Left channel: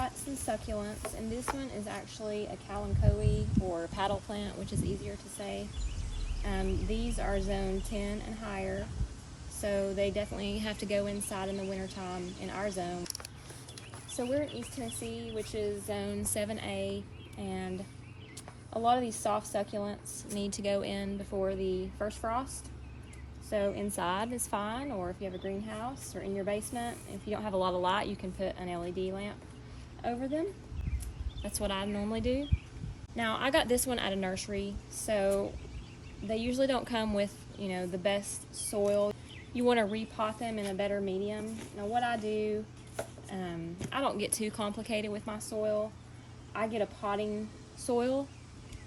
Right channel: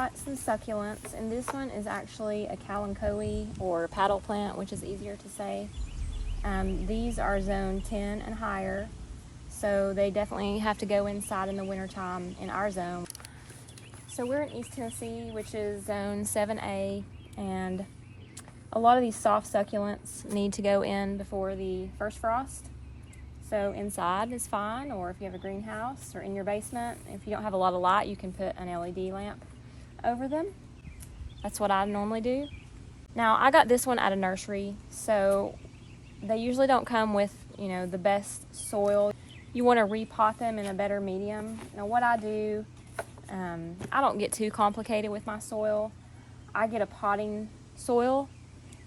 got some succulents, and this one is actually a kalanchoe or paddle plant, which is easier to say. These are zone 10 and higher, so they definitely have to go inside in the wintertime in our zone. So we're in East Tennessee, which is zone 7A, and a lot of these soft succulents need to go in before the first frost. So inside is fine, or if you have a greenhouse or in your basement, if you don't have a lot of light, you can put an LED lamp over them. That's what I normally do. Now, I got this one at a nursery, so they usually don't come with, the best soil. You want to repot them in a better medium. Now, what I do, I don't get too complicated with my soil. I get a potting soil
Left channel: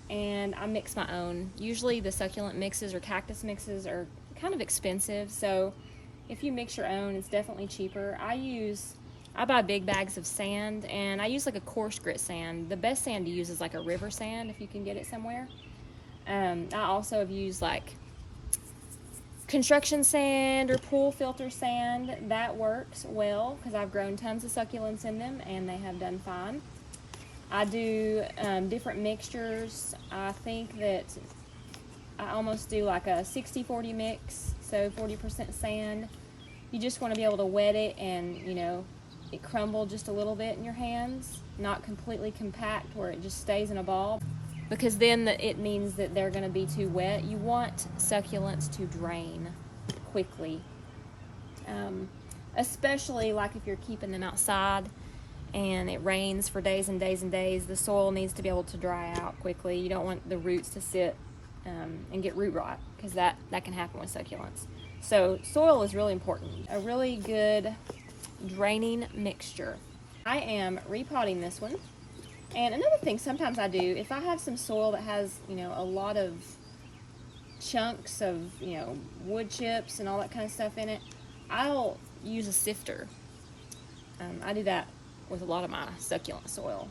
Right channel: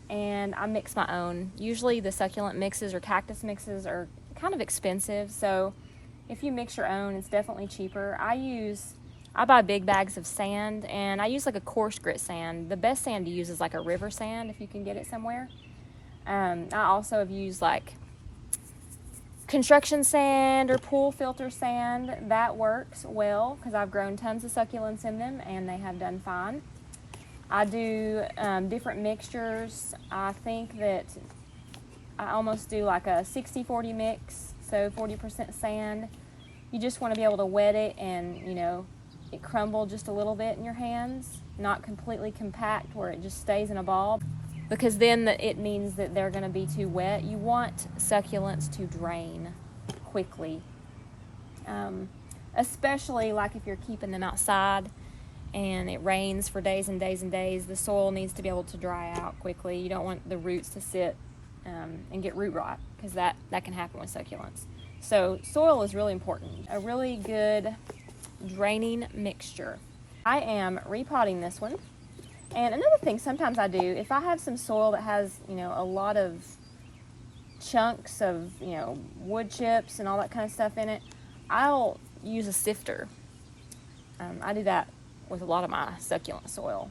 and I mix my own. Usually the succulent mixes or cactus mixes are kind of expensive, so if you mix your own, it's definitely cheaper. I buy big bags of sand, and I use like a coarse grit sand. The best sand to use is like a river sand if you can get it somewhere. I also have used like construction sand or pool filter sand. That works well because I've grown tons of succulents in them and they have done fine. I do different mixtures. I think that I almost do like a 60-40 mix, so 40% sand. You just want to be able to wet it and, it crumble just a little bit in your hands, not completely compact where it just stays in a ball, because then it means that they're going to be too wet. You want succulents to drain quickly, especially like if you're keeping them outside and it rains for days and days and days. The soil needs to be able to dry out quickly. You don't want the roots to sit and get root rot, because that can happen with succulents. So soil is really important. A really good draining mixture. I am repotting this one. And another thing sometimes I do, if I have some soil that has, a lot of chunks of, wood chips and all that kind of stuff in it, I'll use a sifter. I do that with a lot of my succulent soil.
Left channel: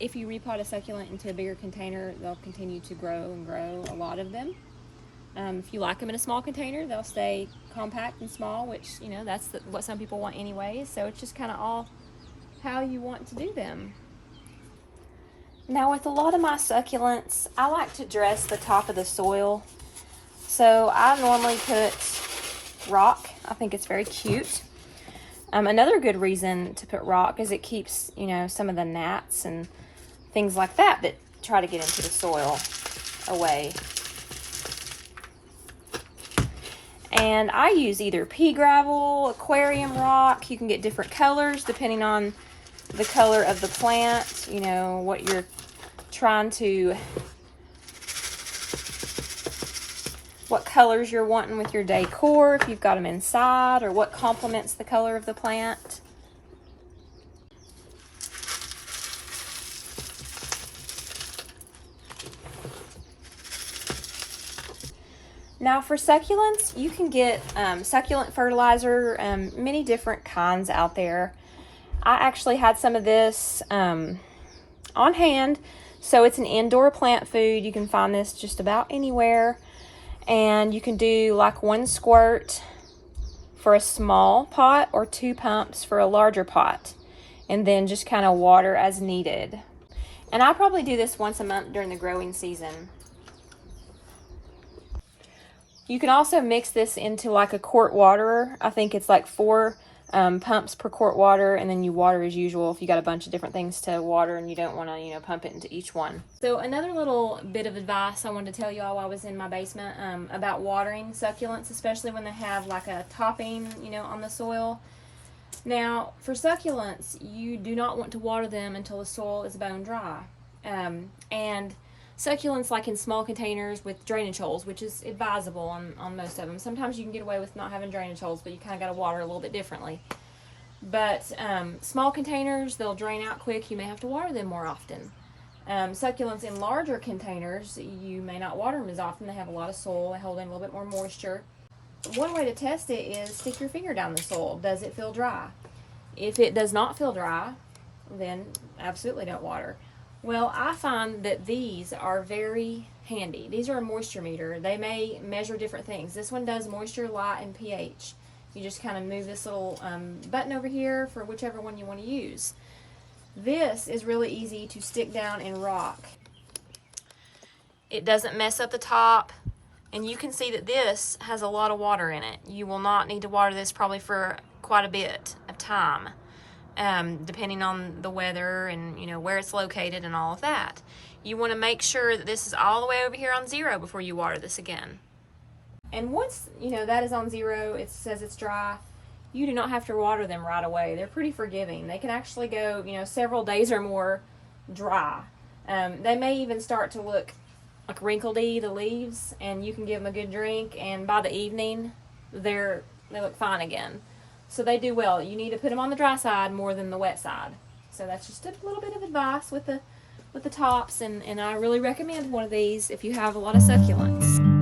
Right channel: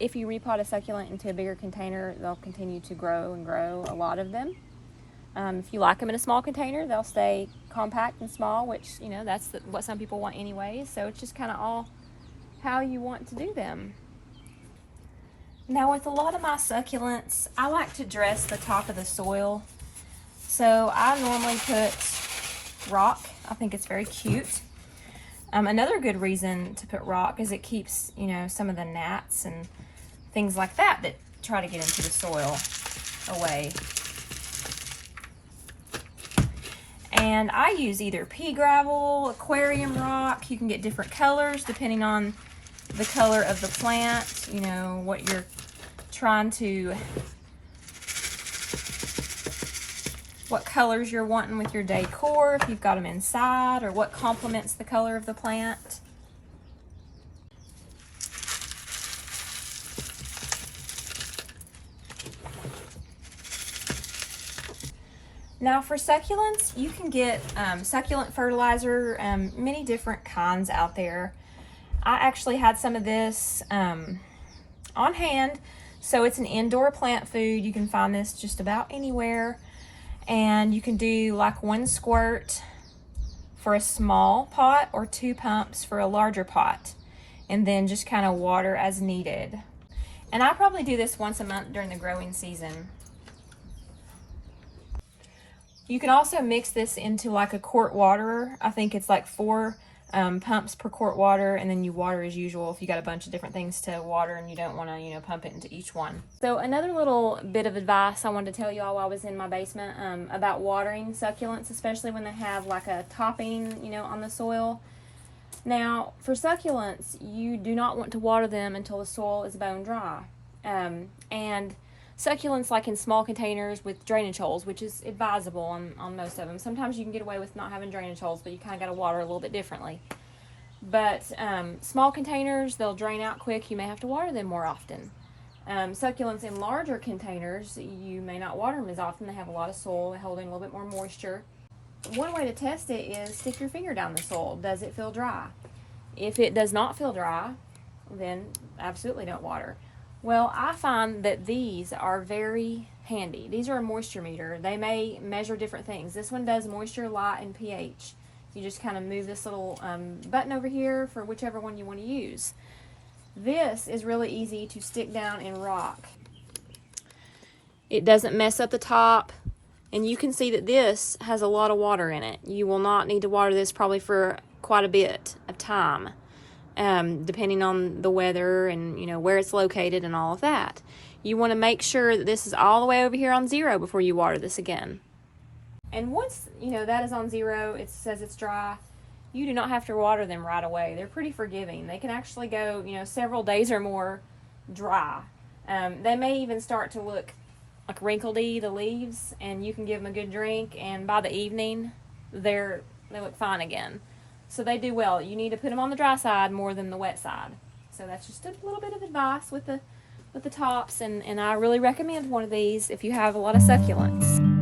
If you repot a succulent into a bigger container, they'll continue to grow and grow, a lot of them. If you like them in a small container, they'll stay compact and small, which, that's what some people want anyway. So it's just kind of all how you want to do them. Now, with a lot of my succulents, I like to dress the top of the soil. So I normally put rock. I think it's very cute. Another good reason to put rock is it keeps, some of the gnats and things like that try to get into the soil away. And I use either pea gravel, aquarium rock. You can get different colors depending on the color of the plant, what you're trying to, what colors you're wanting with your decor, if you've got them inside, or what complements the color of the plant. Now for succulents, you can get succulent fertilizer, many different kinds out there. I actually had some of this on hand. So it's an indoor plant food. You can find this just about anywhere. And you can do like 1 squirt for a small pot or 2 pumps for a larger pot. And then just kind of water as needed. And I probably do this once a month during the growing season. You can also mix this into like a quart waterer. I think it's like 4 pumps per quart water, and then you water as usual if you got a bunch of different things to water and you don't want to, pump it into each one. So another little bit of advice I wanted to tell you all while I was in my basement about watering succulents, especially when they have like a topping, on the soil. Now, for succulents, you do not want to water them until the soil is bone dry. And succulents, like in small containers with drainage holes, which is advisable on most of them. Sometimes you can get away with not having drainage holes, but you kind of got to water a little bit differently. But small containers, they'll drain out quick. You may have to water them more often. Succulents in larger containers, you may not water them as often. They have a lot of soil. They hold in a little bit more moisture. One way to test it is stick your finger down the soil. Does it feel dry? If it does not feel dry, then absolutely don't water. Well, I find that these are very handy. These are a moisture meter. They may measure different things. This one does moisture, light, and pH. You just kind of move this little button over here for whichever one you want to use. This is really easy to stick down and rock. It doesn't mess up the top, and you can see that this has a lot of water in it. You will not need to water this probably for quite a bit of time, depending on the weather and, you know, where it's located and all of that. You want to make sure that this is all the way over here on 0 before you water this again. And once, you know, that is on 0, it says it's dry, you do not have to water them right away. They're pretty forgiving. They can actually go, you know, several days or more dry. They may even start to look like wrinkledy, the leaves, and you can give them a good drink, and by the evening, they look fine again. So they do well. You need to put them on the dry side more than the wet side. So that's just a little bit of advice with the tops, and I really recommend one of these if you have a lot of succulents.